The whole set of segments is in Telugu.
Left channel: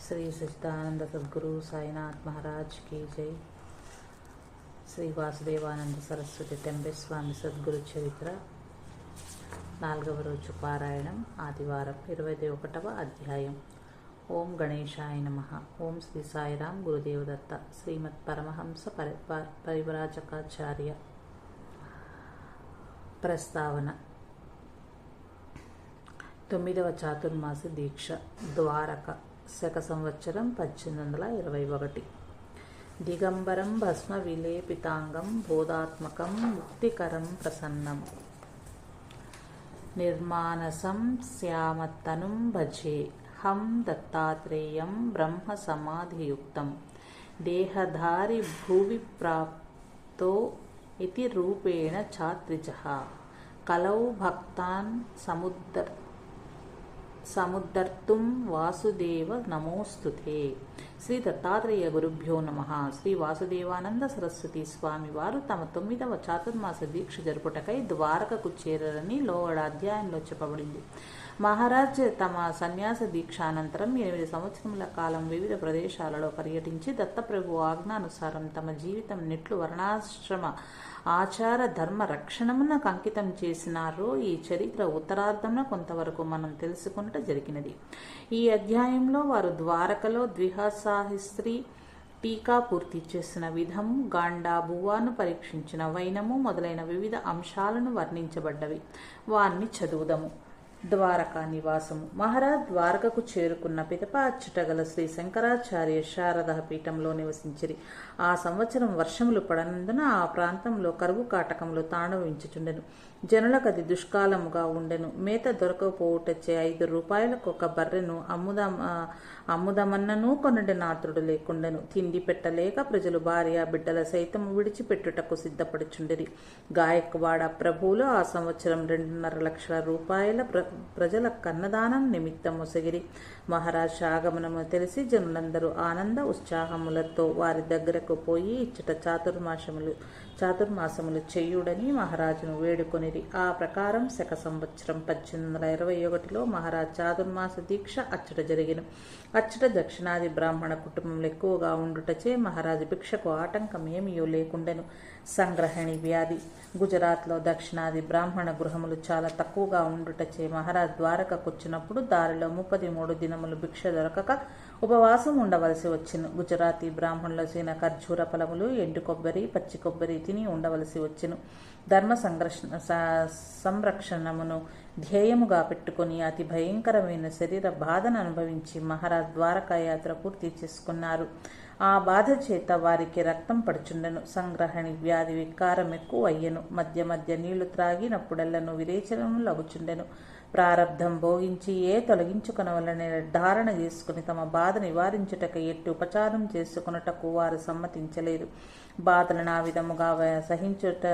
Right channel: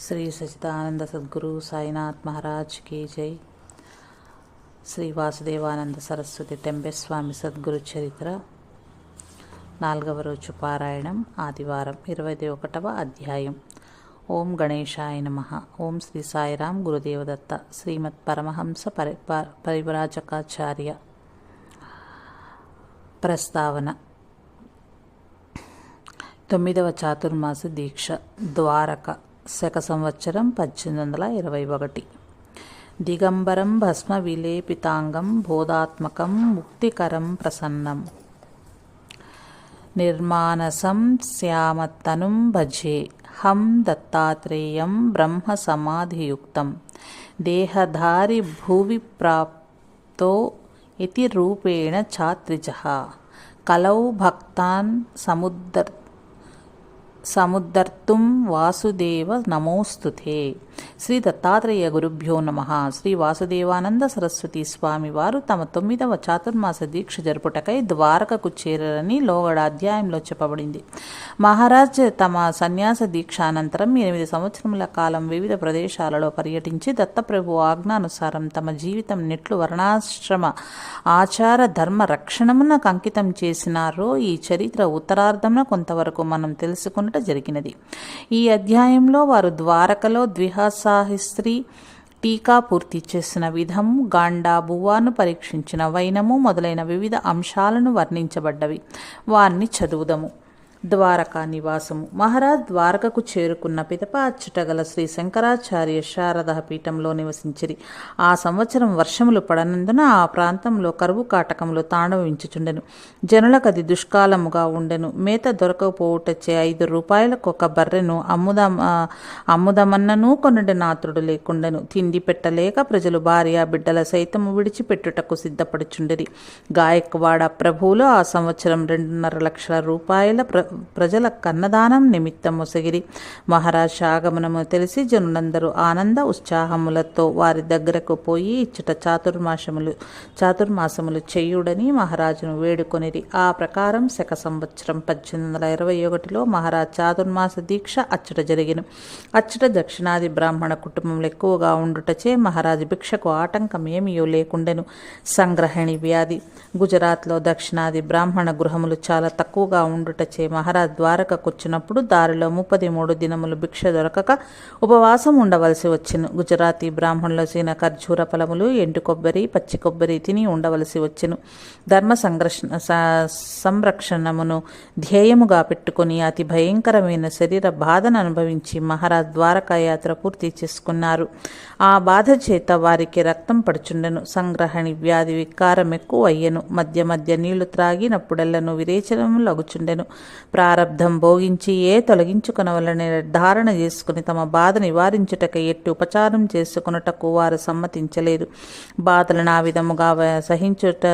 శ్రీ సచిదానంద సద్గురు సాయినాథ్ మహారాజ్ కీ జై. శ్రీ వాసుదేవానంద సరస్వతి టెంబెస్వామి సద్గురు చరిత్ర నాలుగవ రోజు పారాయణం ఆదివారం ఇరవై ఒకటవ అధ్యాయం. ఓం గణేశాయ నమ. ఓం శ్రీ సాయిరాం గురుదేవదత్త. శ్రీమత్ పరమహంస పరి పరివ్రాజకాచార్య ప్రస్తావన. తొమ్మిదవ చాతుర్మాస దీక్ష. ద్వారక. శక సంవత్సరం పద్దెనిమిది వందల ఇరవై ఒకటి. దిగంబరం భస్మ విలేపితాంగం బోధాత్మకం ముక్తికరం ప్రసన్నం. నిర్మానసం శ్యామత్తనుం భజే. హం దత్తాత్రేయం బ్రహ్మ సమాధియుక్తం. దేహధారి భువి ప్రాప్తో ఇతి రూపేణ చాత్రిజ. కలౌ భక్తాన్ సముద్దర్ సముద్ధర్తుం వాసుదేవ నమోస్తుతే. శ్రీ దత్తాత్రేయ గురుభ్యో నమ. శ్రీ వాసుదేవానంద సరస్వతి స్వామి వారు తమ తొమ్మిదవ చాతుర్మాస దీక్ష జరుపుటకై ద్వారకకు చేరరని లోగడ అధ్యాయంలో చెప్పబడింది. మహారాజ్ తమ సన్యాస దీక్ష అనంతరం ఎనిమిది సంవత్సరముల కాలం వివిధ ప్రదేశాలలో పర్యటించి దత్తప్రభు ఆజ్ఞానుసారం తమ జీవితం నెట్లు వర్ణాశ్రమ ఆచార ధర్మ రక్షణమున అంకితం చేసినారో ఈ చరిత్ర ఉత్తరార్ధమున కొంతవరకు మనం తెలుసుకున్నట జరిగినది. ఈ అధ్యాయంలో వారు ద్వారకలో ద్విహాసాహిస్త్రీ టీకా పూర్తి చేసిన విధము గాండా బువ్వాను పరీక్షించిన వైనము మొదలైన వివిధ అంశాలను వర్ణించబడ్డవి. వారిని చదువుదము. ద్వారకా నివాసము. మహారాజ్ ద్వారకకు చేరుకున్న పిదప అచ్చటగల శ్రీ శంకరాచార్య శారద పీఠంలో నివసించిరి. ఆ సంవత్సరం వర్షములు పడనందున ఆ ప్రాంతంలో కరువు కాటకములు తాండవించుచుండెను. జనులకది దుష్కాలముగా ఉండెను. మేత దొరకకపోవుటచ్చే ఐదు రూపాయలకు ఒక బర్రెను అమ్ముదాం అమ్ముదమన్నను కొనడి నాతుడు లేకుండెను. తిండి పెట్టలేక ప్రజలు భార్య బిడ్డల సైతము విడిచిపెట్టుటకు సిద్ధపడుచుండిరి. గాయక్వాడ ప్రభువులు ఆ సంవత్సరం రెండున్నర లక్షల రూపాయల ప్ర ప్రజల కన్నదానం నిమిత్తం మొసగిరి మహారాజ్ ఆగమనము తెలిసి జనులందరూ ఆనంద ఉత్సాహములతో వారి దగ్గరకు పోయి ఇచ్చట చాతుర్మాసములు చాతుర్మాసములు చేయుడని మహారాజును వేడుకొనిరి. ఆ ప్రకారం శక సంవత్సరం పద్దెనిమిది వందల ఇరవై ఒకటిలో మహారాజ్ చాతుర్మాస దీక్ష అచ్చట జరిగిన. అచ్చట దక్షిణాది బ్రాహ్మణ కుటుంబములు ఎక్కువగా ఉండుటచే మహారాజు భిక్షకు ఆటంకం ఏమీయో లేకుండెను. సంగ్రహణి వ్యాధి. గుజరాత్లో దక్షిణాది బ్రాహ్మణ గృహములు చాలా తక్కువగా ఉండుటచే మహారాజ్ ద్వారకకొచ్చినప్పుడు దారిలో ముప్పది మూడు దినములు భిక్ష దొరకక ఉపవాసం ఉండవలసి వచ్చిన గుజరాతీ బ్రాహ్మణుల సీన ఖర్జూర ఫలములు ఎండు కొబ్బరి పచ్చి కొబ్బరి తిని ఉండవలసి వచ్చెను ధర్మ సంరక్షణ సంరక్షణమును ధ్యేయముగా పెట్టుకుని అతి భయంకరమైన శరీర బాధను అనుభవించి మహారాజ్ ద్వారకా యాత్ర పూర్తి చేసుకున్నారు. ఆ బాధ చేత వారికి రక్తం పడుచుండెను. సంగ్రహణి వ్యాధి వికారం ఎక్కువ అయ్యెను మధ్య మధ్య నీళ్ళు త్రాగినప్పుడెల్లను విరేచనము లగుచుండెను. ప్రారబ్ధం భోగించి ఏ తొలగించుకునవలని నిర్ధారణ చేసుకుని తమ బాధ నివారించుటకై ఎట్టి ఉపచారం చేసుకున్నటకు వారు సమ్మతించలేదు. బాధలను ఆ విధముగా సహించుట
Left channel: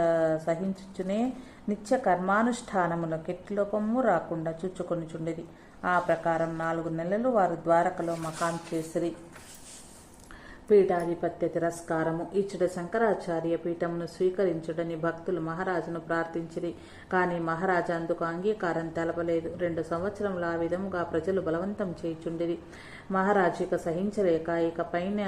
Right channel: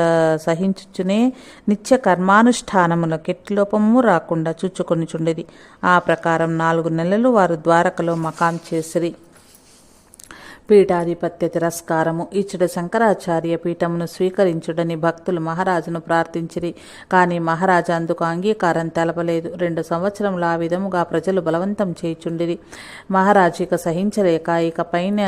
సహించుచునే నిత్య కర్మానుష్ఠానములకు ఎట్టి లోపము రాకుండా చూచుకొనిచుండేది. ఆ ప్రకారం నాలుగు నెలలు వారు ద్వారకలో మకాం చేసిరి. పీఠాధిపత్య తిరస్కారము ఇచ్చట శంకరాచార్య పీఠమును స్వీకరించుడని భక్తులు మహారాజును ప్రార్థించిరి. కానీ మహారాజు అందుకు అంగీకారం తెలపలేదు. రెండు సంవత్సరములు ఆ విధముగా ప్రజలు బలవంతం చేయుచుండిరి. మహారాజు ఇక సహించలేక ఇక పైన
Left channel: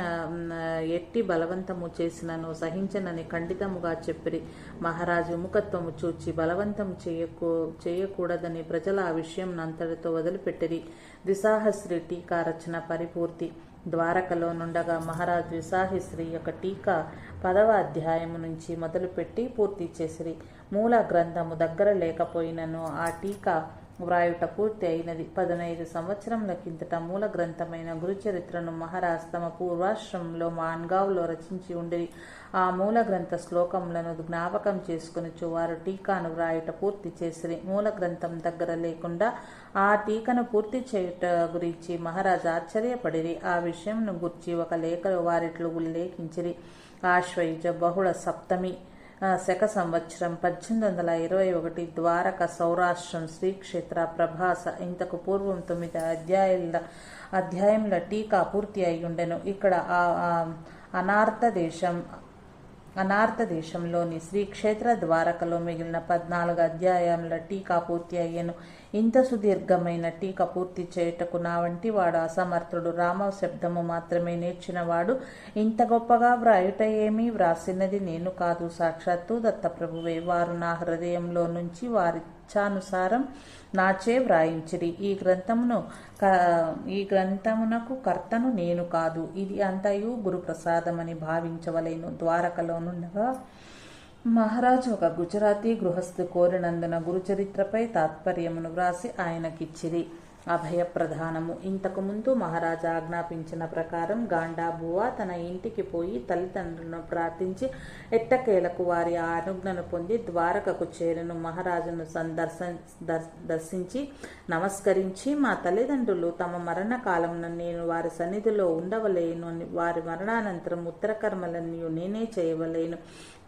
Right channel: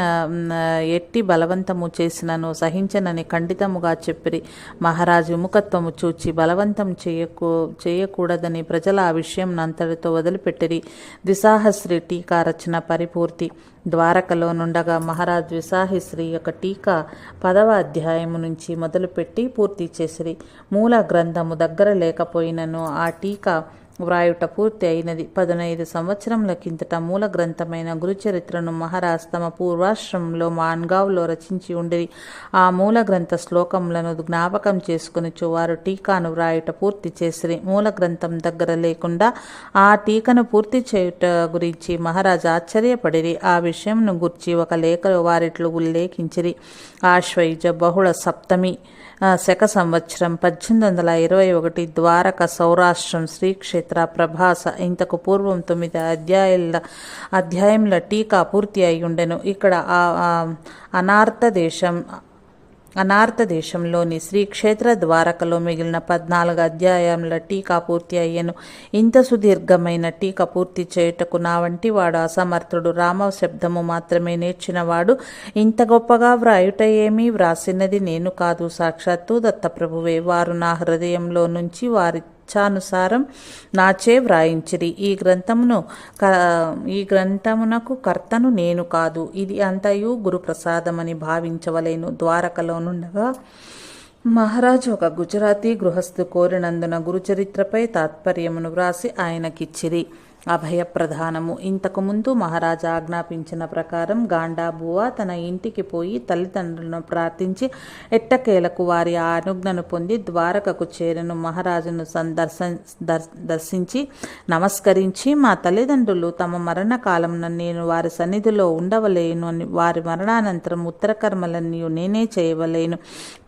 ఎట్టి బలవంతము చేసినను సహించనని ఖండితముగా చెప్పిరి. మహారాజు విముఖత్వము చూచి బలవంతం చేయకూ చేయకూడదని ప్రజల ఆ విషయం అంతటితో వదిలిపెట్టిరి. దిశాహస్రి టీకా రచన పరిపూర్తి. ద్వారకలో నుండగా మహారాజ్ విశాహిశ్రీ యొక్క టీకా పదవ అధ్యాయము నుంచి మొదలుపెట్టి పూర్తి చేసిరి. మూల గ్రంథము దగ్గర లేకపోయినను ఆ టీకా వ్రాయుట పూర్తి అయినది పదునైదు సంవత్సరముల కిందట మూల గ్రంథమైన గురుచరిత్రను మహారాజ్ తమ పూర్వాశ్రమంలో మాన్గావ్లో రచించి ఉండి ఆ మూల గ్రంథ శ్లోకములను జ్ఞాపకం చేసుకుని వారు టీకాను వ్రాయుట పూర్తి చేసిరి. మూల గ్రంథం దగ్గర లేకుండా ఆ టీకను పూర్తి చేయుట గురించి మహారాజ్ ఆశ్చర్యపడిరి. ఆ విషయంను గుర్చి ఒక లేఖలో వారిట్లు ఉల్లేఖించిరి. ఆశ్వైజ బహుళ సప్తమి శక సంవత్సరం పద్దెనిమిది వందల ఇరవై ఒకటి ద్వారక సౌరాష్ట్రం శ్రీక్షేత్ర ప్రభాస ఇంతకు పూర్వం తొమ్మిది అధ్యాయుల అధ్యాయంలో టీకా పూర్తి అయి ఉండెను ఇక్కడ ఆ అనార్థ దేశం అనార్థ దేశంలోని శ్రీక్షేత్ర ద్వారకలో మిగిలిన పద్నాలుగు అధ్యాయముల టీకా పూర్తి అయ్యను. ఇంత సుదీర్ఘమైన టీకా పూర్తి చేయుటకు నా వంటి వాడు అసమర్థుడు. రామ శబ్దము మాత్రమే నేర్చినవాడు. ఇంత గొప్పగా వ్రాయుట ఏమీ వ్రాసినది నేను కాదు. సాక్షాత్తు దత్తప్రభువే. వారు నా హృదయంలో నుంచి వారి ఇచ్ఛానుసారం నాచే వ్రాయించిరి. ఈ గ్రంథమును క ఈ గ్రంథమునకు కర్తను నేను కాదు. ఇది అంతయు గురుప్రసాదమని భావించవలేను. ద్వారకలోనుండగా మహారాజు ఒక గుజరాతీ గృహస్థు కోరినందున గురుచరిత్రపై తాత్పర్యమును వ్రాసి ఆయనకిచ్చిరి. అభయప్రధానము. ఇంతకుముందు మహారాజా ఆజ్ఞాపించిన ప్రకారం గాండాబువ తన ఇంటికి పోయి తల్లిదండ్రులను ప్రార్థించి ఎట్టకేలకు వారి అనుజ్ఞను పొంది ద్వారకకు చేరను. మహారాజును సందర్శ దర్- దర్శించి నమస్కరించి మా తల్లిదండ్రులు తమ మరణ నేను వారి సన్నిధిలో ఉండవలేను అని వారి మరణానంతరం ఉత్తర కర్మలన్నీ నేనే చేయవలేను.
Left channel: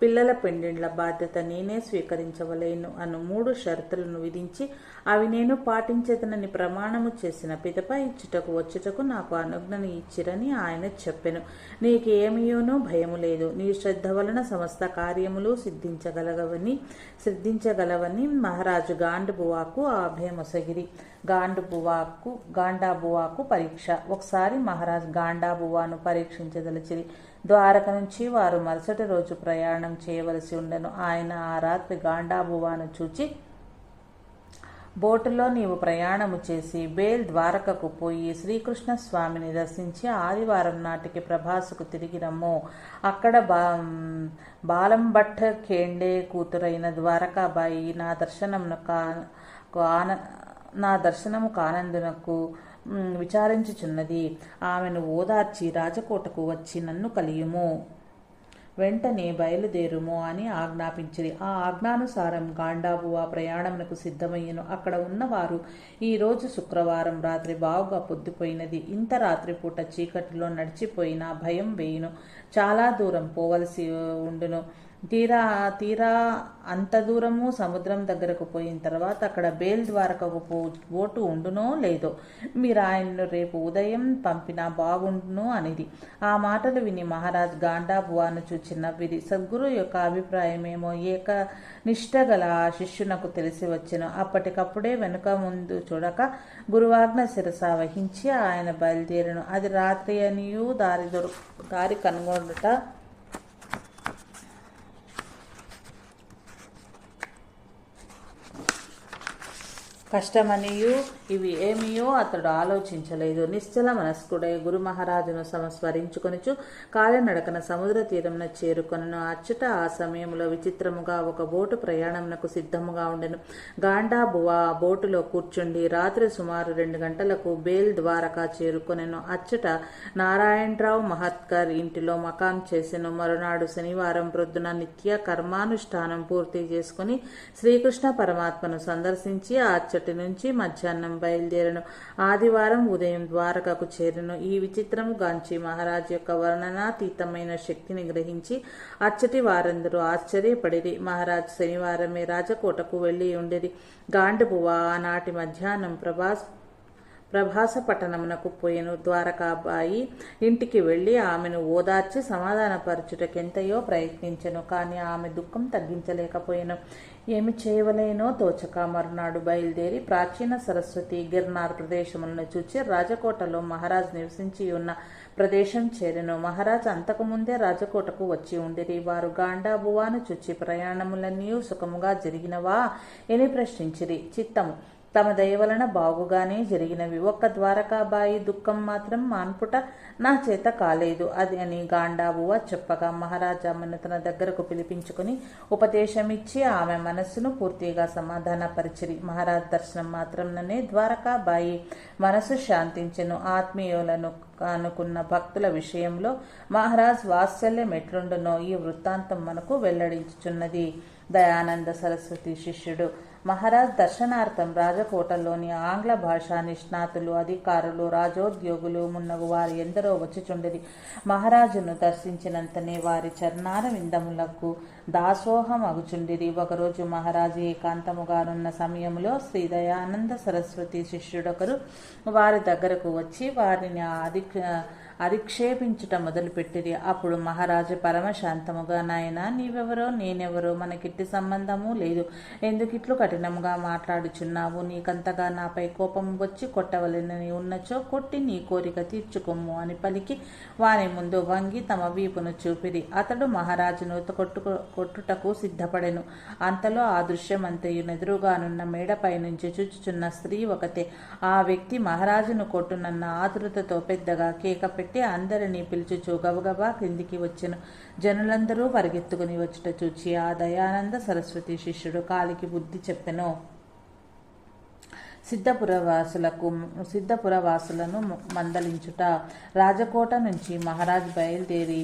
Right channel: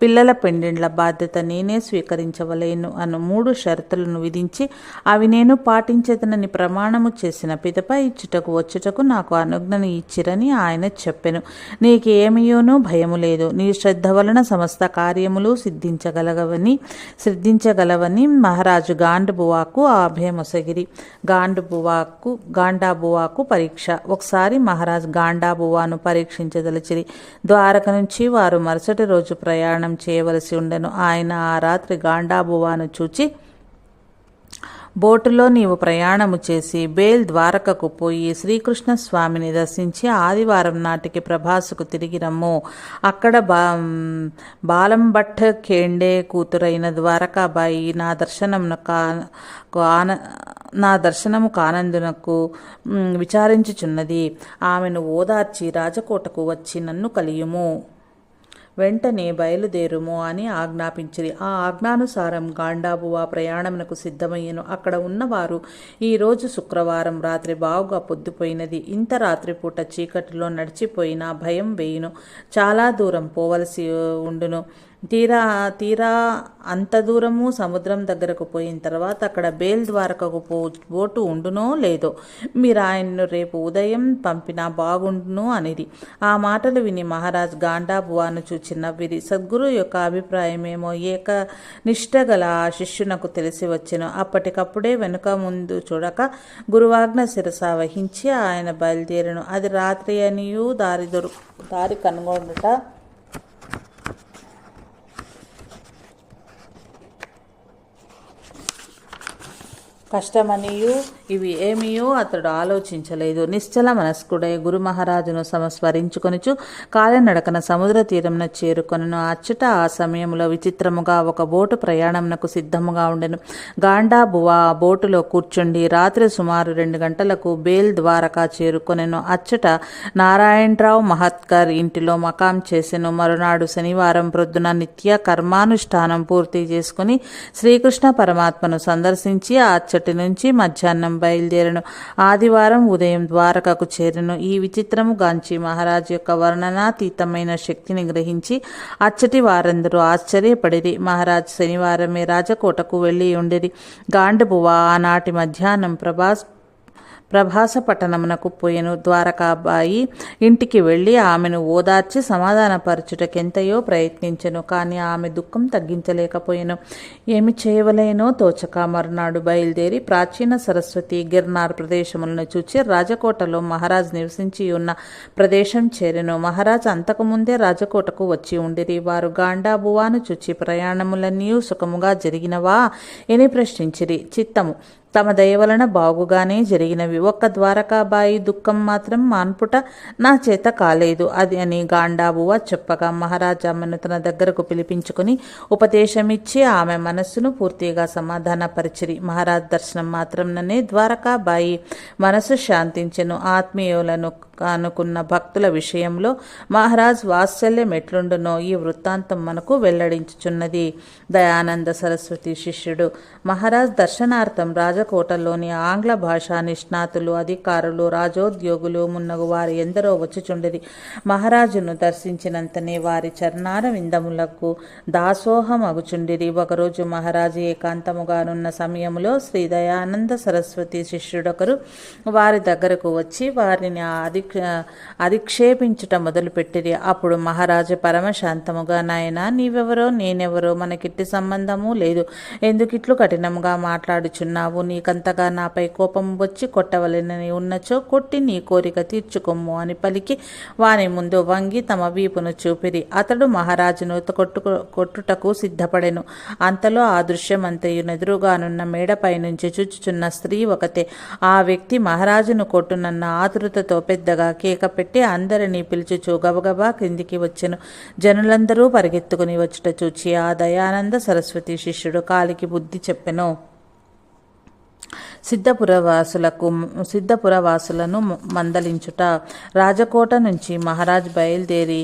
పిల్లల పెండిండ్ల బాధ్యత నేనే స్వీకరించవలేను అను మూడు షరతులను విధించి అవి నేను పాటించేదనని ప్రమాణము చేసిన పిదప ఇచ్చుటకు వచ్చుటకు నాకు అనుజ్ఞను ఇచ్చిరని ఆయన చెప్పెను. నీకేమియోనూ భయము లేదు. నీ శ్రద్ధ వలన సమస్త కార్యములు సిద్ధించగలగవని సిద్ధించగలవని మహారాజు గాండుబువాకు ఆ గాండుబువాకు గాండాబువాకు పరీక్ష. ఒకసారి మహారాజ్ గాండాబువాను పరీక్షించదలిచిరి. ద్వారక నుంచి వారు మరుసటి రోజు ప్రయాణం చేయవలసి ఉండెను. ఆయన ఆ రాత్రి గాండాబువాను చూచి బోటులో నీవు ప్రయాణము చేసి బేల్ ద్వారకకు పోయి శ్రీకృష్ణ స్వామిని దర్శించి ఆదివారం నాటికి ప్రభాసుకు తిరిగి రమ్ము. అక్కడ బా బాలంభట్ ఖేండే కూతురైన ద్వారకాబాయి నా దర్శనంను కా కాన నా దర్శనము కానందునకు విచారించుచున్నది. ఆమెను ఓదార్చి రాజకోటకు వచ్చి నన్ను కలియుము. వెంటనే బయలుదేరుము అని ఆజ్ఞాపించిరి ఆ ఆజ్ఞానుసారం గాండాబువ ప్రయాణమునకు సిద్ధమయ్యను. అక్కడ ఉన్నవారు ఈరోజు శుక్రవారం రాత్రి బావుగా పొద్దుపోయినది. ఇంత రాత్రిపూట చీకటిలో నడిచిపోయినా భయం వేయును. చాలా దూరం పోవలసి ఉండును. తీరా తీరా అంత దూరము సముద్రం దగ్గరకు పోయిన తర్వాత అక్కడ బేల్ ద్వారకకు పో బోటు ఉండునో లేదో మీరు ఆయన్ను రేపు ఉదయం పంపినా బాగుండును అనేది. ఆ మాటలు విని మహారాజ్ గాండాబువాను చూచి నవ్విరి. సద్గురు యొక్క అభిప్రాయమేమో ఏక నిష్ట గల ఆ శిష్యునకు తెలిసి వచ్చెను. అప్పటికప్పుడే వెనుక ముందు చూడక గురువాజ్ఞ శిరస వహించి ఆయన బయలుదేరను. అది రాత్రి అనియూ దారి దొరు దారి కనుగొనుట కష్టమనియు ఇవి ఏమియో అతడు ఆలోచించలేదు. నిశ్చల మనస్కుడై గురు మహారాజును సంస్మరించుకొనుచు కాలినడకన సముద్ర తీరంన చేరుకొనను. అచ్చట ఆ సమయంలో విచిత్రముగా ఒక బోటు ప్రయాణంనకు సిద్ధముగా ఉండెను. గాండాబువ ఆ బోటులో కూర్చుండి రాత్రి సుమారు రెండు గంటలకు బేల్ ద్వారకా చేరుకొనెను. అచ్చట నారాయణరావు మహత్కర్ ఇంటిలో మకాం చేసెను. మరునాడు శనివారం ప్రొద్దున నిత్య కర్మానుష్ఠానం పూర్తి చేసుకుని శ్రీకృష్ణ పరమాత్మను సందర్శించి ఆ మరుసటి నుంచి మధ్యాహ్నం బయలుదేరను. ఆదివారం ఉదయం ద్వారకకు చేరను. ఈ విచిత్రము గాంచి మహారాజు యొక్క వర్ణనాతీతమైన శక్తిని గ్రహించి అచ్చటి వారందరూ ఆశ్చర్యపడిరి. మహారాజ్ శనివారమే రాజకోటకు వెళ్ళి ఉండిరి. గాండబువ ఆనాటి మధ్యాహ్నం ప్రభాస్ ప్రభాస పట్టణమునకు పోయెను ద్వారకాబాయి ఇంటికి వెళ్ళి ఆమెను ఓదార్చి సమాధానపరచుటకెంతయో ప్రయత్నించెను కానీ ఆమె దుఃఖం తగ్గించలేకపోయెను. ఏమి చేయవలేనో తోచక మర్నాడు బయలుదేరి ప్రాచీన సరస్వతి గిర్నార్ ప్రదేశములను చూచి రాజకోటలో మహారాజ్ నివసించి ఉన్న ప్రదేశం చేరెను. మహారాజ్ అంతకుముందే రాజకోటకు వచ్చి ఉండిరి. వారు గాండాబువాను చూచి ప్రయాణములన్నీ సుఖముగా జరిగినవా? అని ప్రశ్నించిరి. చిత్తము. తమ దయవలన బాగుగానే జరిగినవి. ఒక్క ద్వారకాబాయి దుఃఖం మాత్రం మాన్పుట నా చేత కాలేదు. అది అని గాండాబువ చెప్పగా మహారాజామ్మను తన దగ్గరకు పిలిపించుకుని ఉపదేశమిచ్చి ఆమె మనస్సును పూర్తిగా సమాధానపరిచిరి. మహారాజ్ దర్శనం మాత్రంననే ద్వారకాబాయి మనసు శాంతించెను. ఆత్మీయులను అనుకున్న భక్తుల విషయంలో మహారాజ్ వాత్సల్యం ఎట్లుండునో ఈ వృత్తాంతం మనకు వెల్లడించుచున్నది. దయానంద సరస్వతి శిష్యుడు. మహారాజ్ దర్శనార్థం రాజకోటలోని ఆంగ్ల భాషా నిష్ణాతులు అధికారులు రాజోద్యోగులు మున్నగు వారి ఎందరో వచ్చిచుండేది. మహారాజును దర్శించినంతనే వారి చరణార విందములకు దాసోహం అగుచుండిరి ఒకరోజు మహారాజు ఏకాంతముగానున్న సమయంలో శ్రీ దయానంద సరస్వతి శిష్యుడొకరు వారి దగ్గరకు వచ్చి వారిని అధిక అధిక్షేపించుట మొదలుపెట్టిరి. అప్పుడు మహారాజు పరమశాంతముగా నాయన నీవెవరో నేనెవరో మనకిట్టి సంబంధము లేదు. ఎందుకిట్లు కఠినముగా మాట్లాడుచున్నావు? నీకంతగా నాపై కోపం వచ్చి కొట్టవలెనని ఉన్నచో కొట్టి నీ కోరిక తీర్చుకొమ్ము అని పలికి వాని ముందు వంగి తమ వీపును చూపిరి. అతడు మహారాజును కొట్టు కొట్టుటకు సిద్ధపడెను. అంతలో ఆ దృశ్యమంతయునెదురుగానున్న మేడపై నుంచి చూచుచున్న స్త్రీ ఒకతే. ఆ వ్యక్తి మహారాజును కొట్టునన్న ఆతృతతో పెద్దగా కేక పెట్టి అందరినీ పిలుచుచూ గబగబా క్రిందికి వచ్చెను. జనులందరూ పరిగెత్తుకుని వచ్చుట చూచి ఆ దయానంద సరస్వతి శిష్యుడు కాలికి బుద్ధి చెప్పెను. సిద్ధపురవాసులకు సిద్ధపురవాసులను మందలించుట. రాజకోట నుంచి మహారాజ్ బయలుదేరి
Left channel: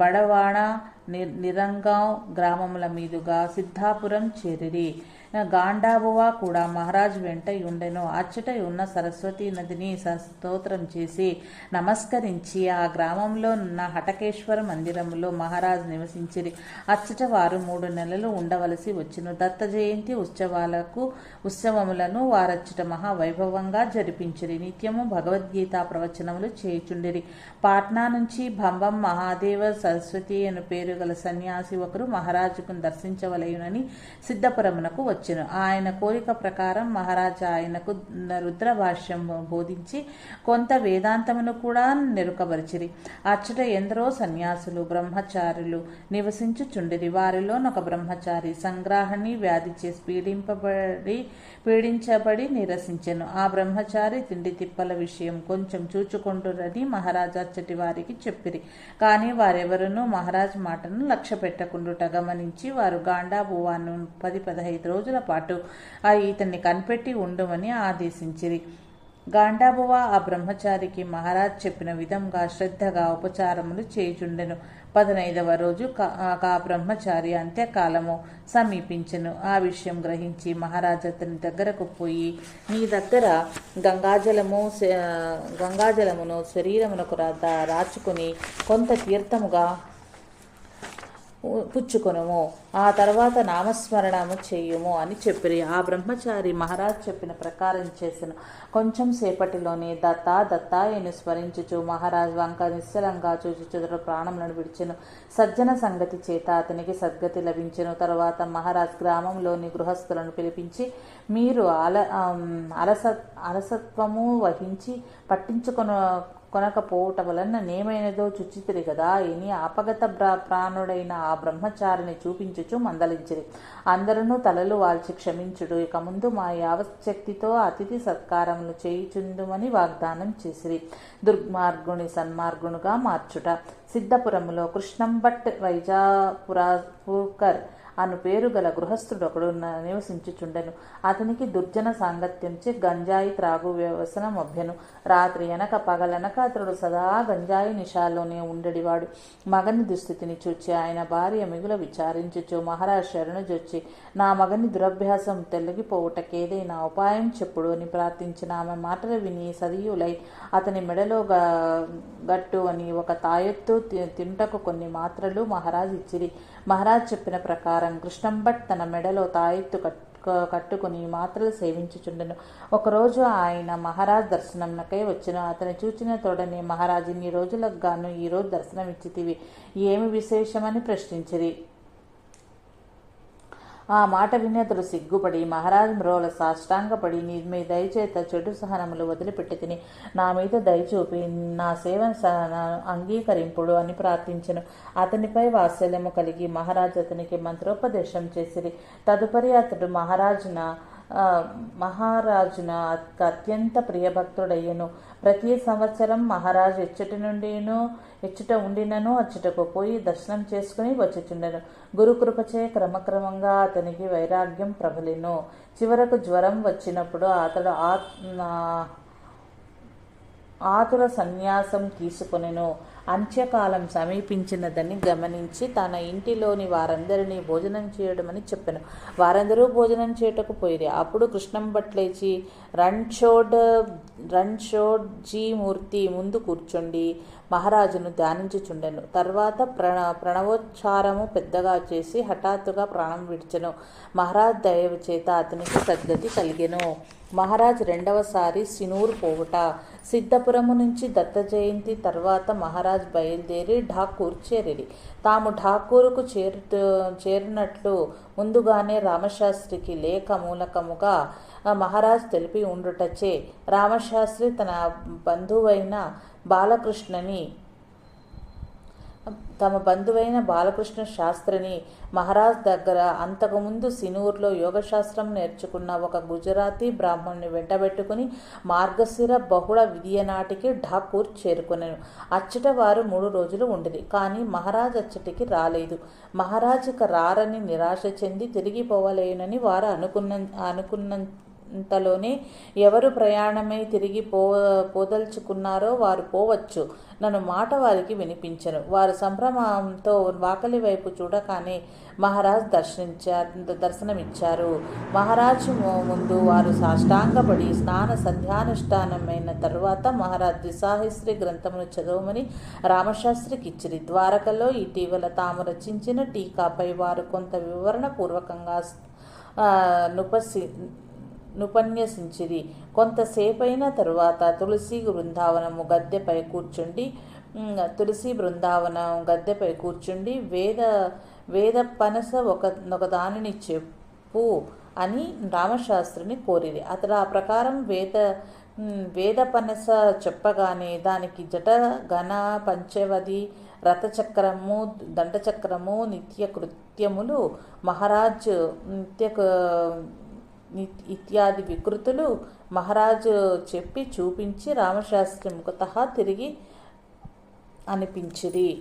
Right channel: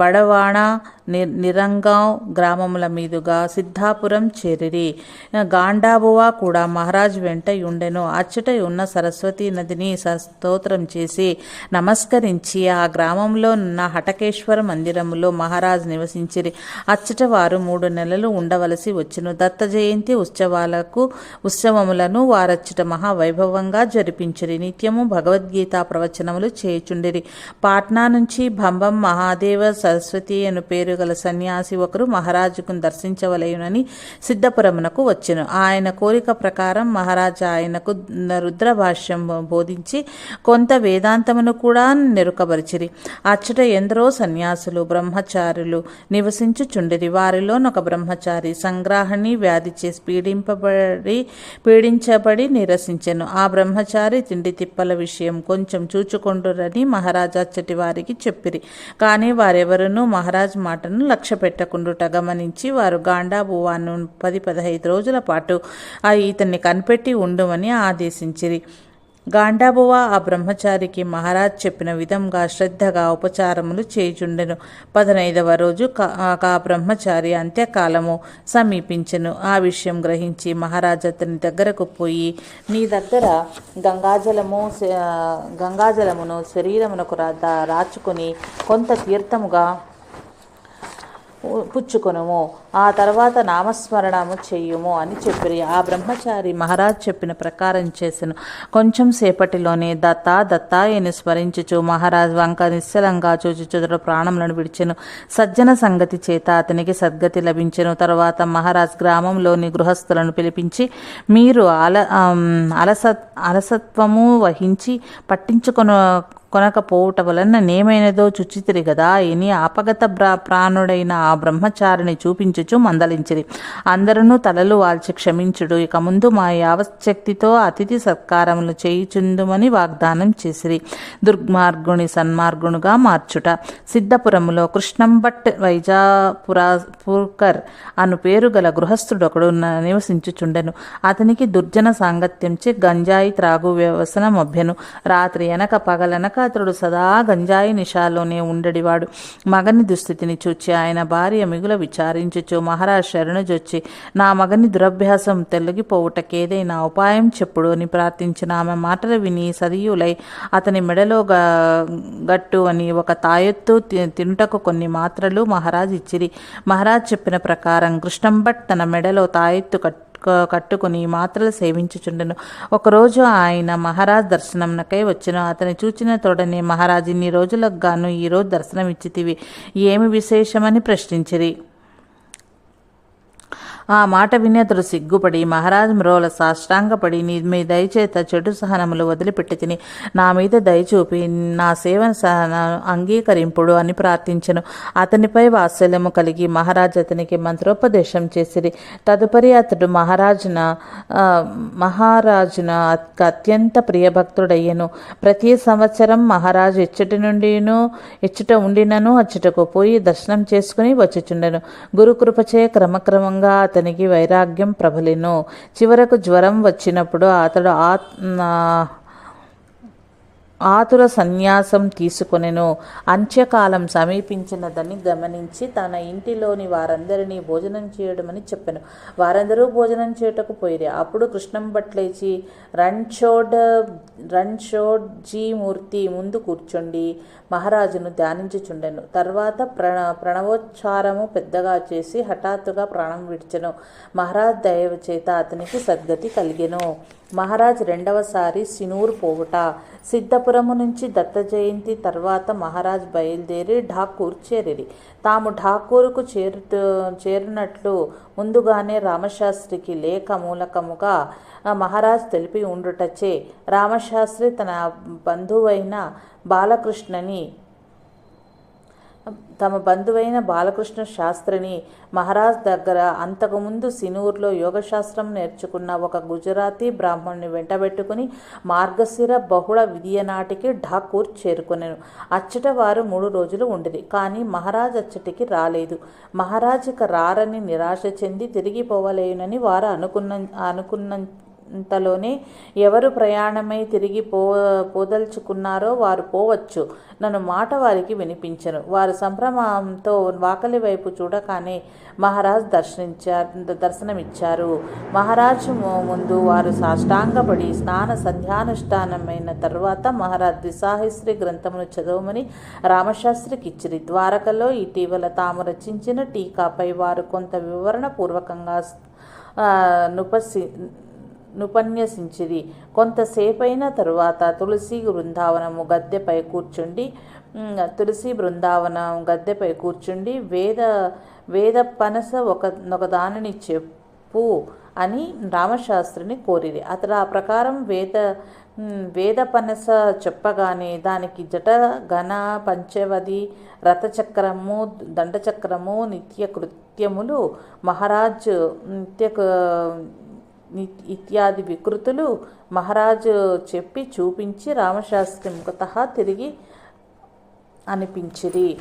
బడవాణ ని నిరంగాం గ్రామముల మీదుగా సిద్ధాపురం చేరిరి. గాండాబువా కూడా మహారాజ్ వెంట ఉండెను అచ్చట ఉన్న సరస్వతి నదిని స్తోత్రం చేసి నమస్కరించి ఆ గ్రామంలో ఉన్న హటకేశ్వర మందిరములో మహారాజ్ నివసించిరి. అచ్చట వారు మూడు నెలలు ఉండవలసి వచ్చెను. దత్త జయంతి ఉత్సవాలకు ఉత్సవములను వారు వారచ్చట మహావైభవంగా జరిపించిరి. నిత్యము భగవద్గీత ప్రవచనములు చేయుచుండిరి. పాట్నా నుంచి భంబం మహాదేవ సరస్వతి అను పేరు గల సన్యాసి ఒకరు మహారాజుకు దర్శించవలయునని సిద్ధపురమునకు వచ్చెను. ఆయన కోరిక ప్రకారం మహారాజా ఆయనకు రుద్రభాష్యం బోధించి కొంత వేదాంతమును కూడా నెరుకబరిచిరి. అచ్చట ఎందరో సన్యాసులు బ్రహ్మచారులు నివసించుచుండిరి. వారిలోనొక బ్రహ్మచారి సంగ్రాహణి వ్యాధి చేసి పీడింపబడి పీడించబడి నిరసించెను. ఆ బ్రహ్మచారి తిండి తిప్పల విషయం కొంచెం చూచుకొండురని మహారాజా అచ్చటి వారికి చెప్పిరి. కానీ వారెవరూ మహారాజ్ మాటను లక్ష్య పెట్టకుండుట గమనించి వారు గాండాబువాను పది పదహైదు రోజుల పాటు ఆ ఇతన్ని కనిపెట్టి ఉండుమని ఆదేశించిరి. గాండాబువ ఆ బ్రహ్మచారికి మహారాజ్ చెప్పిన విధంగా శ్రద్ధగా ఉపచారములు చేయుచుండెను. పదనైదవ రోజు కా- బ్రహ్మచారి అంత్యకాలము సమీపించెను. ఆ విషయం గ్రహించి మహారాజ్ అతని దగ్గరకు పోయి నీ దగ్గర గంగాజలము గంగాజలమును శరీరమునకు రా దా- రాచుకొని కొంత తీర్థముగా పుచ్చుకొనుము ఆ తర్వాత నామస్మరణము చేయుము అని చెప్పిరి. ఆ బ్రహ్మచారి మహారాజ్ చెప్పిన ప్రకారం చేసెను. కొంచెం సేపటిలోనే దత్తా దత్తాయని స్మరించుచు మహారాజ్ వంక నిశ్చలంగా చూచుచుదరు ప్రాణములను విడిచెను. సజ్జన సంగతి చేత అతనికి సద్గతి లభించెను. తర్వాత మహారాజ్ గ్రామంలోని గృహస్థులను పిలిపించి మీరు అల అలసత్ అలస అలసత్వము వహించి పట్టించుకొన కొనకపోవుట వలన నేమైనదో చుచితిరి గదా ఇని ఆపగత బ్రా ప్రాణుడైన ఆ బ్రహ్మచారిని చూపించుచు మందలించిరి. అందరూ తలలు వాల్చి క్షమించుడు. ఇక ముందు మా యావశక్తితో అతిథి సత్కారములు చేయుచుందుమని వాగ్దానం చేసిరి. దుర్మార్గుని సన్మార్గునుగా మార్చుట. సిద్ధపురములో కృష్ణంభట్ వైజాపురాపూర్కర్ అను పేరు గల గృహస్థుడొకడు న- నివసించుచుండెను. అతనికి దుర్జన సాంగత్యంచే గంజాయి త్రాగు వ్యవసన మభ్యను రాత్రి ఎనక పగలనక అతడు సదా గంజాయి నిషాలోనే ఉండడివాడు మగని దుస్థితిని చూచి ఆయన భార్య మిగుల విచారించుచు మహారాజ్ శరణుజొచ్చి నా మగని దురభ్యాసం తొలగిపోవుటకేదైనా ఉపాయం చెప్పుడు అని ప్రార్థించిన ఆమె మాటలు విని సదియులై అతని మెడలో గట్టు అని ఒక తాయెత్తు తినుటకు కొన్ని మాత్రలు మహారాజ్ ఇచ్చిరి. మహారాజ్ చెప్పిన ప్రకారం కృష్ణంభట్ తన మెడలో తాయెత్తు కట్టు కట్టుకుని మాత్రలు సేవించుచుండెను. ఒకరోజు ఆయన మహారాజ్ దర్శనంకై వచ్చిన అతని చూచిన తోడనే మహారాజ్ ఇన్ని రోజులకు గాను ఈరోజు దర్శనమిచ్చితివి. ఏమి విశేషమని ప్రశ్నించిరి. ఆ మాట విని అతడు సిగ్గుపడి మహారాజు మ్రోల సాష్టాంగపడి నీ మీ దయచేత చెడు సహనములు వదిలిపెట్టి తిని నా మీద దయచూపి నా సేవ అంగీకరింపుడు అని ప్రార్థించెను. అతనిపై వాత్సల్యము కలిగి మహారాజు అతనికి మంత్రోపదేశం చేసిరి. తదుపరి అతడు మహారాజున మహారాజున అత్యంత ప్రియభక్తుడయ్యను. ప్రతి సంవత్సరం మహారాజు ఇచ్చటి నుండిను ఎచ్చుట ఉండినను అచ్చుటకు పోయి దర్శనం చేసుకుని వచ్చుచుండెను. గురుకృపచే క్రమక్రమంగా అతనికి వైరాగ్యం ప్రబలిను. చివరకు జ్వరం వచ్చినప్పుడు అతడు ఆత్ ఆతుర సన్యాసం తీసుకొనెను. అంత్యకాలం సమీపించినదని గమనించి తన ఇంటిలోని వారందరినీ భోజనం చేయడమని చెప్పాను. వారందరూ భోజనం చేయుటకు పోయిరి. అప్పుడు కృష్ణం భట్లేచి రణ్చోడ్ రణచోడ్జీ మూర్తి ముందు కూర్చోండి. మహారాజును ధ్యానించుచుండెను. తర్వాత ప్ర ప్రణవోచ్చారము పెద్దగా చేసి హఠాత్తుగా ప్రాణం విడిచెను. మహారాజ్ దయవు చేత అతనికి సద్గతి కలిగెను. మహారాజ్ రెండవసారి సినూర్ పోవుట. సిద్ధపురము నుంచి దత్త జయంతి తర్వాత మహారాజ్ బయలుదేరి ఠాకూర్ చేరిరి. తాము ఠాకూరుకు చేరు చేరినట్లు ముందుగానే రామశాస్త్రికి లేఖ మూలకముగా మహారాజ్ తెలిపి ఉండుటచే రామశాస్త్రి తన బంధువైన బాలకృష్ణని తమ బంధువైన బాలకృష్ణ శాస్త్రిని మహారాజ్ దగ్గర అంతకుముందు సినూర్లో యోగశాస్త్రం నేర్చుకున్న ఒక గుజరాతీ బ్రాహ్మణుని వెంటబెట్టుకుని మార్గశిర బహుళ విధియ నాటికి ఢాకూర్ అచ్చట వారు మూడు రోజులు ఉండేది కానీ మహారాజ్ అచ్చటికి రాలేదు. మహారాజ్ ఇక రారని నిరాశ చెంది తిరిగి పోవలేనని వారు అనుకున్న అనుకున్న అంతలోనే ఎవరు ప్రయాణమై తిరిగి పో పోదలుచుకున్నారో వారు పోవచ్చు. నన్ను మాట వారికి వినిపించను. వారు సంభ్రమంతో వాకలి వైపు చూడగానే మహారాజ్ దర్శనించారు దర్శనమిచ్చారు. మహారాజ్ ముందు వారు సాష్టాంగపడి స్నాన సంధ్యానుష్ఠానమైన తర్వాత మహారాజ్ దిశాహిశ్రీ గ్రంథమును చదవమని రామశాస్త్రికి ఇచ్చిరి ద్వారకలో ఇటీవల తాము రచించిన టీకాపై వారు కొంత వివరణ పూర్వకంగా నుపసి నుపన్యసించిరి కొంతసేపైన తరువాత తులసి బృందావనము గద్దెపై కూర్చుండి తులసి బృందావనం గద్దెపై కూర్చుండి వేద వేద పనస ఒక ఒకదానిని చెప్పు అని రామశాస్త్రిని కోరిది అతడు ఆ ప్రకారం వేద వేద పనస చెప్పగానే దానికి జట ఘన పంచవది రథచక్రము దండచక్రము నిత్య కృత్యములు మహారాజ్ నిత్య ఇత్యాది వికృతులు మహారాజు చెప్పి చూపించి రామశాస్త్రి ముఖత తిరిగి అనిపించిరి.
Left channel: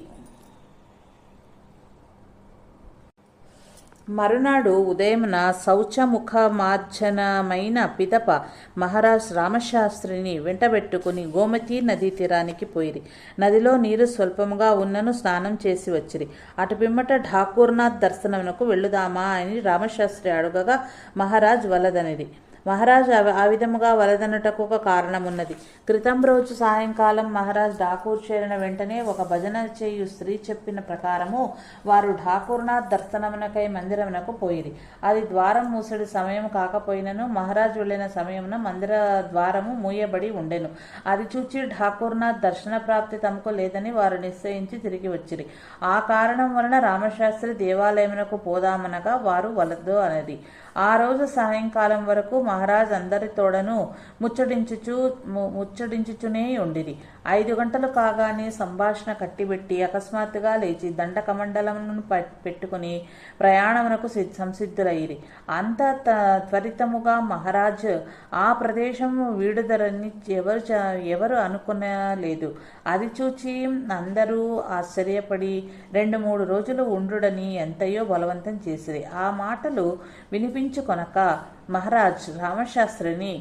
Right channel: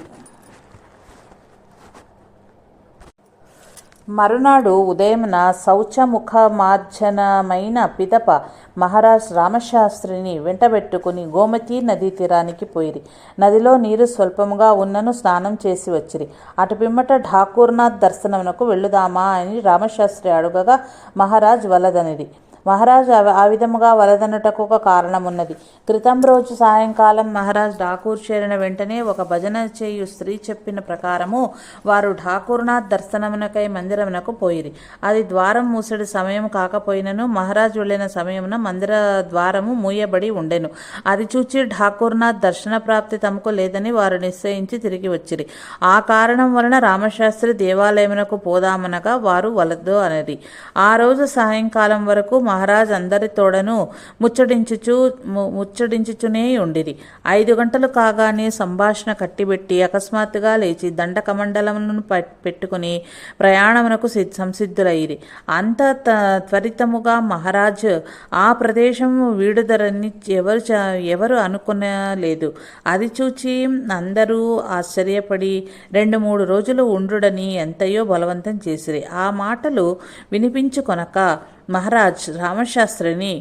మరునాడు ఉదయమున శౌచముఖమార్జనమైన పిదప మహారాజ్ రామశాస్త్రిని వెంటబెట్టుకుని గోమతి నదీ తీరానికి పోయిరి. నదిలో నీరు స్వల్పముగా ఉన్నను స్నానం చేసి వచ్చిరి. అటు పిమ్మట ఠాకూర్నాథ్ దర్శనమునకు వెళ్ళుదామా అని రామశాస్త్రి అడుగగా మహారాజ్ వలదనిది మహారాజ్ ఆ- విధముగా వలదనుటకు ఒక కారణమున్నది. క్రితం రోజు సాయంకాలం మహారాజ్ ఠాకూర్ చేరిన వెంటనే ఒక భజన చేయు స్త్రీ చెప్పిన ప్రకారము వారు ఠాకూర్నాథ్ దర్శనమునకై మందిరమునకు పోయిరి. అది ద్వారం మూసడి సమయం కాకపోయినను మహారాజ్ వెళ్ళిన సమయమున మందిర ద్వారము మూయబడి ఉండెను. అది చూచి ఠాకూర్నాథ్ దర్శన ప్రాప్తి తమకు లేదని వారు నిశ్చయించి తిరిగి వచ్చిరి. ఆ కారణం వలన రామశాస్త్రి దేవాలయమునకు పోదామనగా వారు వలద్దు అనేది ఆ రోజు సాయంకాలం వరకు మహారాజ్ అందరితోడను ముచ్చడించుచు ముచ్చటించుచునే ముచ్చడించుచునే ఉండిరి. ఐదు గంటలు కాగానే సంభాషణ కట్టిబెట్టి అకస్మాత్తుగా లేచి దండకమండలమును ప- పెట్టుకుని ప్రయాణమునకు సి- సంసిద్ధులయ్యిరి. అంత త్వరితముగా మహారాజ్ ఆ ప్రదేశము వీడుదరని ఎవరు ఎవరు అనుకునలేదు. అది చూచి అందరూ ఆశ్చర్యపడి రెండు మూడు రోజులు ఉండుడని ఎంతయో బలవంతం చేసిరి. ఆ మాటలు వినిపించుకొనక మహారాజ్ రామశాస్త్రిని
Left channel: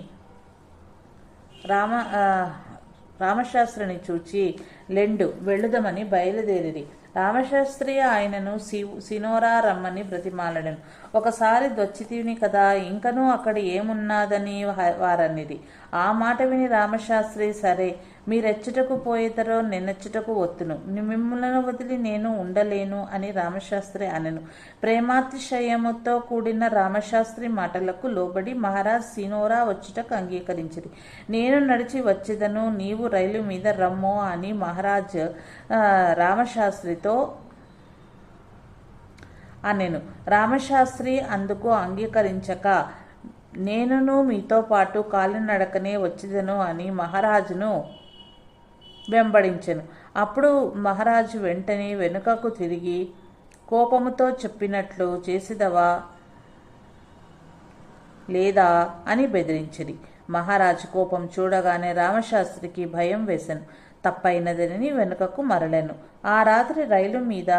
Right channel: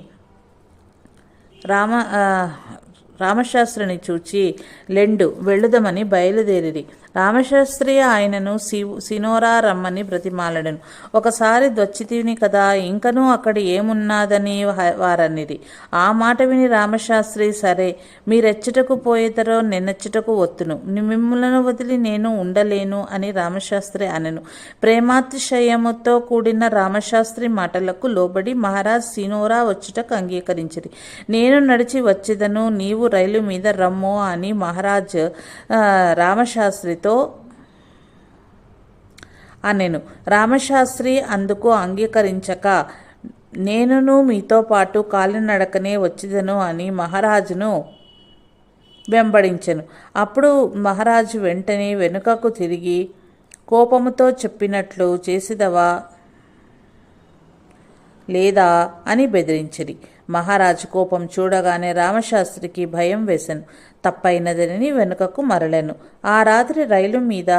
రామ రామశాస్త్రిని చూచి లెండు వెళ్ళుదమని బయలుదేరిది రామశాస్త్రి ఆయనను సినోరా రమ్మని బ్రతిమాలడను ఒకసారి దొచ్చితిని కదా ఇంకనూ అక్కడ ఏమున్నాదని హ- వారనిది ఆ మాట విని రామశాస్త్రి సరే మీరెచ్చటకు పోయేదరో నిన్నెచ్చటకు ఒత్తును. మిమ్మలను వదిలి నేను ఉండలేను అని రామశాస్త్రి అనను. ప్రేమాతిశయముతో కూడిన రామశాస్త్రి మాటలకు లోబడి మహారాజ్ సినోరా వచ్చుటకు అంగీకరించింది నేను నడిచి వచ్చేదను నీవు రైలు మీద రమ్మో అని మహారాజ్ రామశాస్త్రి రామశాస్త్రితో అనెను. రామశాస్త్రి అందుకు అంగీకరించక నేనును మీతో పాటు కాలినడకనే వచ్చిదను అని మహారాజును వెంబడించెను. అప్పుడు మహారాజు వెంటనే వెనుకకు తిరిగి కోపముతో చెప్పినట్లు చేసిదవా లేదా అని బెదిరించిరి మహారాజు కోపం చూడగానే రామశాస్త్రికి భయం వేసెను. తప్పైనదని వెనుకకు మరలెను. ఆ రాత్రి రైలు మీద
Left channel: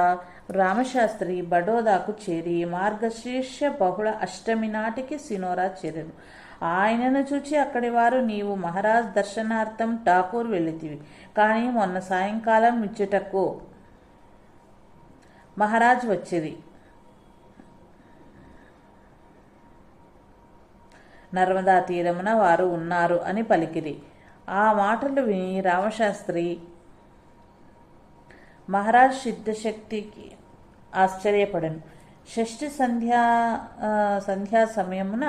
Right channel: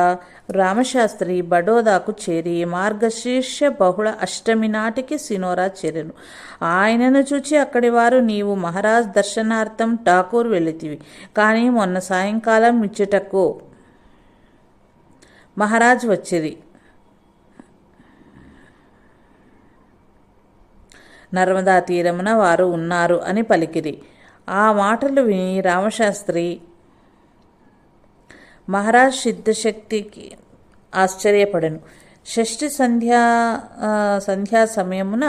రామశాస్త్రి బడోదాకు చేరి మార్గశీర్ష బహుళ అష్టమి నాటికి సినోరా చేరెను. ఆయనను చూచి అక్కడి వారు నీవు మహారాజ్ దర్శనార్థం ఠాకూర్ వెళితివి కానీ మొన్న సాయంకాలం ఇచ్చుటకు మహారాజ్ వచ్చిరి. నర్మదా తీరమున వారు ఉన్నారు అని పలికిరి. ఆ మాటలు విని రామశాస్త్రి మహారాజ్ సిద్ధశక్తికి ఆశ్చర్యపడను. షష్ఠి సంధ్యా సంధ్యా సమయమున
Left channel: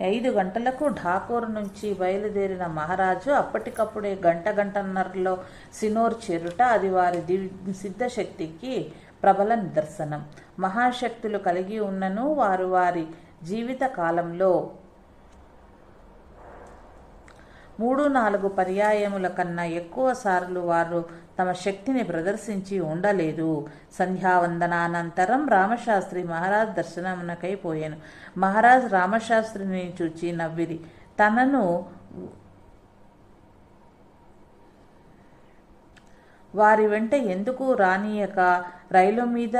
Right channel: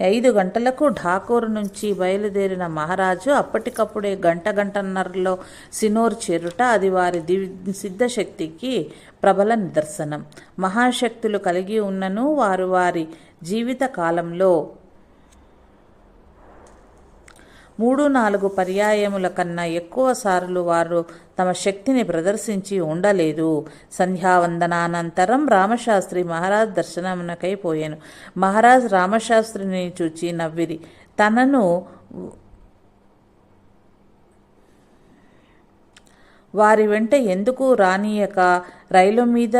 ఐదు గంటలకు ఠాకూర్ నుంచి బయలుదేరిన మహారాజు అప్పటికప్పుడే గంట గంటన్నరలో సినోర్ చేరుట అది వారి దివ్ సిద్ధశక్తికి ప్రబల నిదర్శనం. మహాశక్తులు కలిగి ఉన్నను వారు వారి జీవిత కాలంలో మూడు నాలుగు పర్యాయముల కన్నా ఎక్కువ సార్లు వారు తమ శక్తిని ప్రదర్శించి ఉండలేదు. సంధ్యావందనానంతరం రామశాస్త్రి మహారాజ్ దర్శనమునకై పోయాను. మహారాజ్ రామశాస్త్రిని చూచి నవ్విరి. తనను వారి వెంట ఎందుకు రానియక? రైలు మీద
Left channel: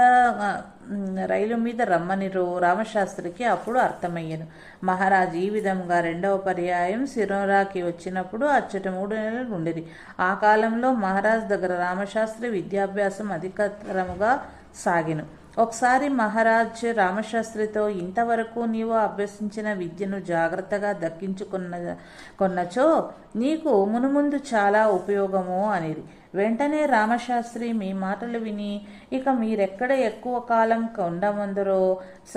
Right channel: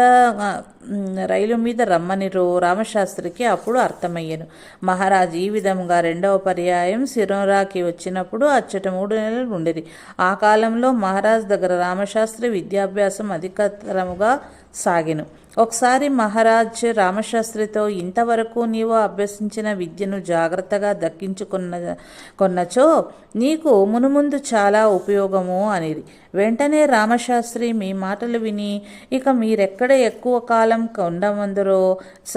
రైలు మీద రమ్మని రో రామశాస్త్రికి అప్పుడు అర్థమయ్యను. మహారాజ్ ఈ విధంగా రెండవ పర్యాయం సిరోరాకి వచ్చినప్పుడు అచ్చట మూడు నెలలు ఉండేది. ఆ కాలంలో మహారాజ్ దగ్గర రామశాస్త్రి విద్యాభ్యాసం అధికతరముగా సాగిను. ఒకసారి మహారాజ్ రామశాస్త్రితో ఇంతవరకు నీవు అభ్యసించిన విద్యను జాగ్రత్తగా దక్కించుకున్న కొన్నచో నీకు మునుముందు చాలా ఉపయోగము అనేది వెంటనే రామశాస్త్రి మీ మాటలు విని ఇక మీరెక్కడ ఎక్కువ కాలం ఉండమందరో స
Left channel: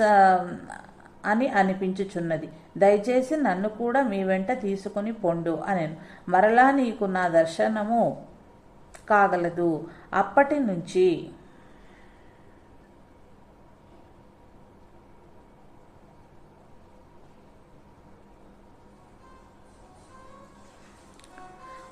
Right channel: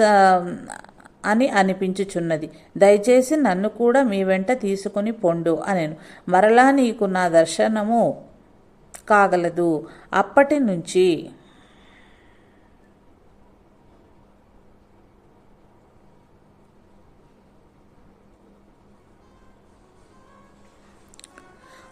అని అనిపించుచున్నది. దయచేసి నన్ను కూడా మీ వెంట తీసుకుని పొండు అనెను. మరలా నీకు నా దర్శనము కాగలదు. అప్పటి నుంచి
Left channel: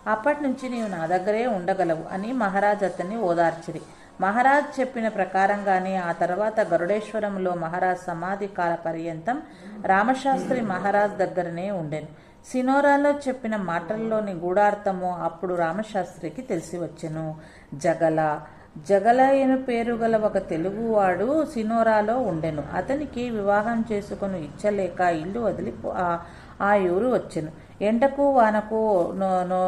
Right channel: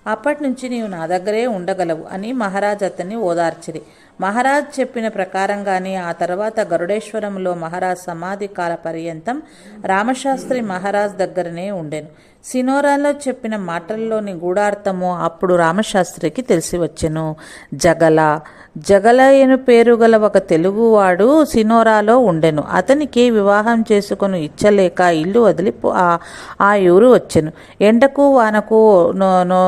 అప్పటి నుంచి నీవు నా దగ్గరే ఉండగలవు అని మహారాజ్ అతన్ని ఓదార్చిరి. మహారాజ్ చెప్పిన ప్రకారంగానే ఆ తర్వాత గరుడేశ్వరంలో మహారాజ్ సమాధి కాల పర్యంతం రామశాస్త్రి మహారాజ్ దగ్గరనే ఉండెను. సినోరాలో చెప్పిన మాటల్లోని గూఢార్థము అప్పుడు రామశాస్త్రికి తెలిసి వచ్చెను. జగల జగలయను పేరు గల ఒక తెలుగువాడు సినోరాలో ఉండెను. అతనికి వివాహం చేసుకుని ఇచ్చలేక ఇల్లు వదిలి ఆ ఆ ఊరు వచ్చెను. ఎండకు వానకు నో నో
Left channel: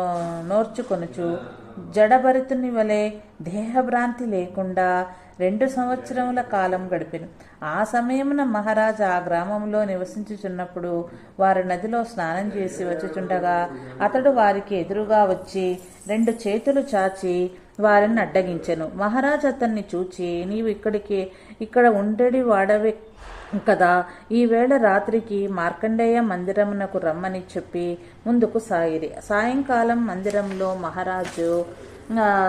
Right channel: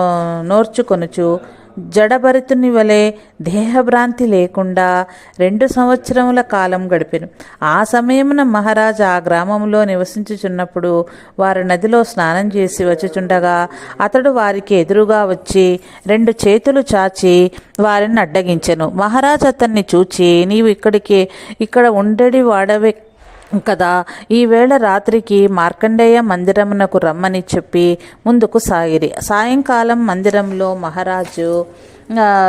నోర్చుకొనుచు జడభరితుని వలె దేహభ్రాంతి లేకుండా రెండు సంవత్సరముల కాలం గడిపెను. ఆ సమయమున మహారాజు ఆ గ్రామంలో నివసించుచున్నప్పుడు వారు నదిలో స్నానం చేసి వచ్చుచుండగా అతడు వారికి ఎదురుగా వచ్చి రెండు చేతులు చాచి వారిని అడ్డగించెను. మహారాజు అతన్ని చూచి నీవు ఇక్కడికి ఇక్కడ ఉండడి వాడవే కదా ఈవేళ రాత్రికి మార్కండేయ మందిరమునకు రమ్మని చెప్పి ముందుకు సాగిరి. సాయంకాలం మందిరంలో మహారాజు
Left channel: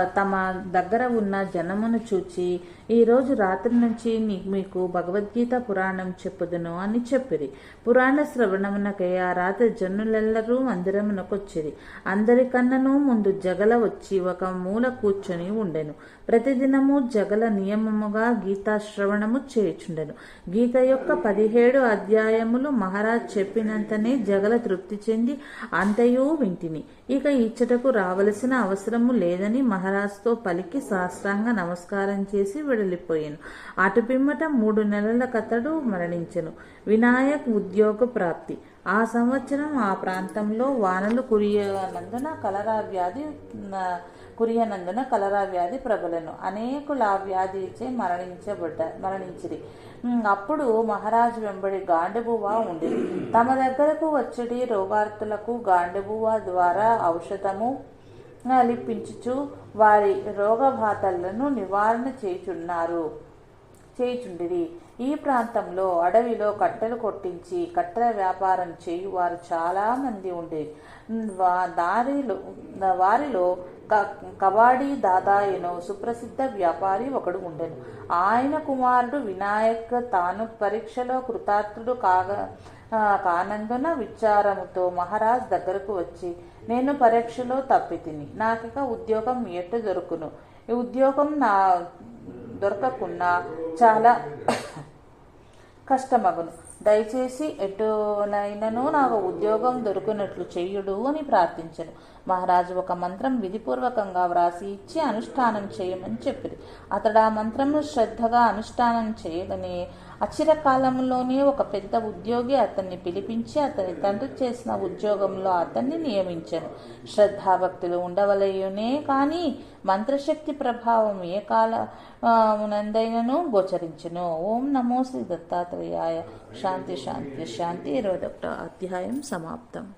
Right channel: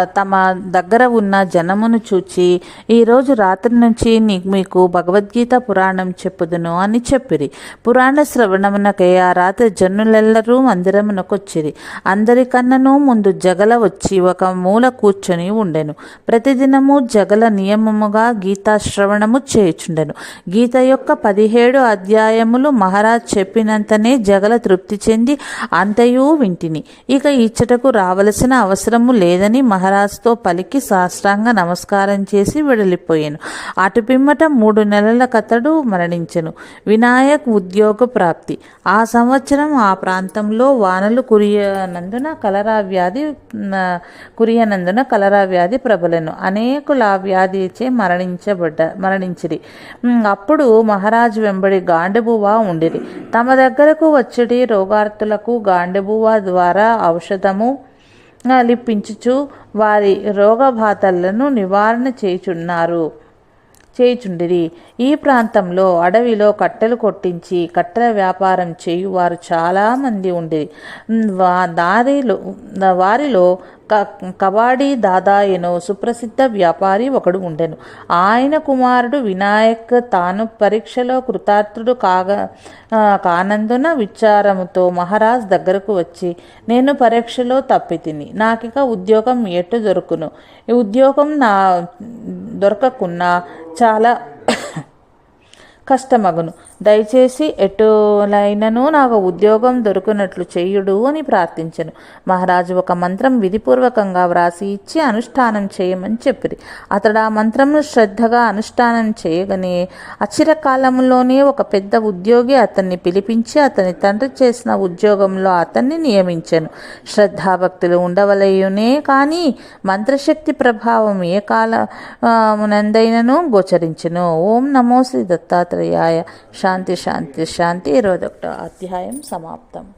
తమ దగ్గర ఉన్న జనమును చూచి ఈరోజు రాత్రి నుంచి మీకు భగవద్గీత పురాణం చెప్పుదును అని చెప్పిరి. పురాణ శ్రవణమునకై ఆ రాత్రి జనులెల్లరూ మందిరమునకొచ్చిరి అందరికన్నను ముందు జగల వచ్చి ఒక మూల కూర్చొని ఉండెను. ప్రతిదినము జగల నియమముగా గీతా శ్రవణము చేయుచుండెను. గీత యొక్క పదిహేడు అధ్యాయములు మహారాజ్ చెప్పినంతనే జగల తృప్తి చెంది అంతయు వింటిని. ఇక ఇచ్చటకు రావలసిన అవసరము లేదని మహారాజ్తో పలికి సాష్టాంగ నమస్కారం చేసి వెడలిపోయాను. అటు పిమ్మట మూడు నెలల కథడు మరణించెను. వినాయక్ ఉద్యోగ ప్రాప్తి. ఆ సంవత్సరం ఆ ప్రాంతంలో వానలు కురియనందున కలరా వ్యాధి కురియనందున కలరా వ్యాధి ప్రబలను. అనేకులు ఆ వ్యాధిచే మరణించబడ్డ మరణించిరి. అప్పుడు మహారాజు వెంబడి గాండెబువా ఉండిరి. తమ దగ్గరకు వచ్చిడి రోగార్తులకు గాండెబువా ద్వారా ఔషధము లిప్పించుచు వారి రోగబాధలను నివారణ చేయుచున్నారు. చేయుచుండిరి. ఈ ప్రాంతంలో అడవిలో కట్టెలు కొట్టించి కట్టెల వ్యాపారం చేయు వారు చాలామంది ఉండి వా దారిలో వారిలో క కబాడీ దాదాయను సుప్రసిద్ధ వ్యాపారి ఒకడు ఉండెను. ఆయన కుమారుడు వినాయక్ తాను పరీక్షలో కృతార్థుడు కాగా కానందున విచారముతో మహారాజ్ దగ్గరకు వచ్చి నేను పరీక్షలో తప్పితిని. నాకిక ఉద్యోగం ఎటు దొరుకును? ఉద్యోగం నా దొరకకున్నా చాలా కష్టమగును. దయచేసి ఎటులైనను నాకు ఉద్యోగం దొరికినట్లు చేయుడు అని ప్రార్థించను. మహారాజు ఒక మంత్రం విధిపూర్వకంగా వ్రాసి ఇచ్చి అనుష్ఠానం చేయమని చెప్పిరి. అతడు ఆ మంత్రంను శ్రద్ధగా అనుష్ఠానం చేయగానే అచిరకాలంలోనే ఒక పెద్ద ఉద్యోగి అతన్ని పిలిపించి అతని తండ్రి చేసిన ఉద్యోగంలో అతన్ని నియమించాను. శ్రద్ధాభక్తులు ఉండవలయునే కానీ మంత్రశక్తి ప్రభావం ఏ కాల గోచరించను గోచరించును. ఓం నమో శ్రీ దత్తాత్రేయాయ. శాంతి శాంతి శాంతి. ఇరవై ఒకటో అధ్యాయం సమాప్తం.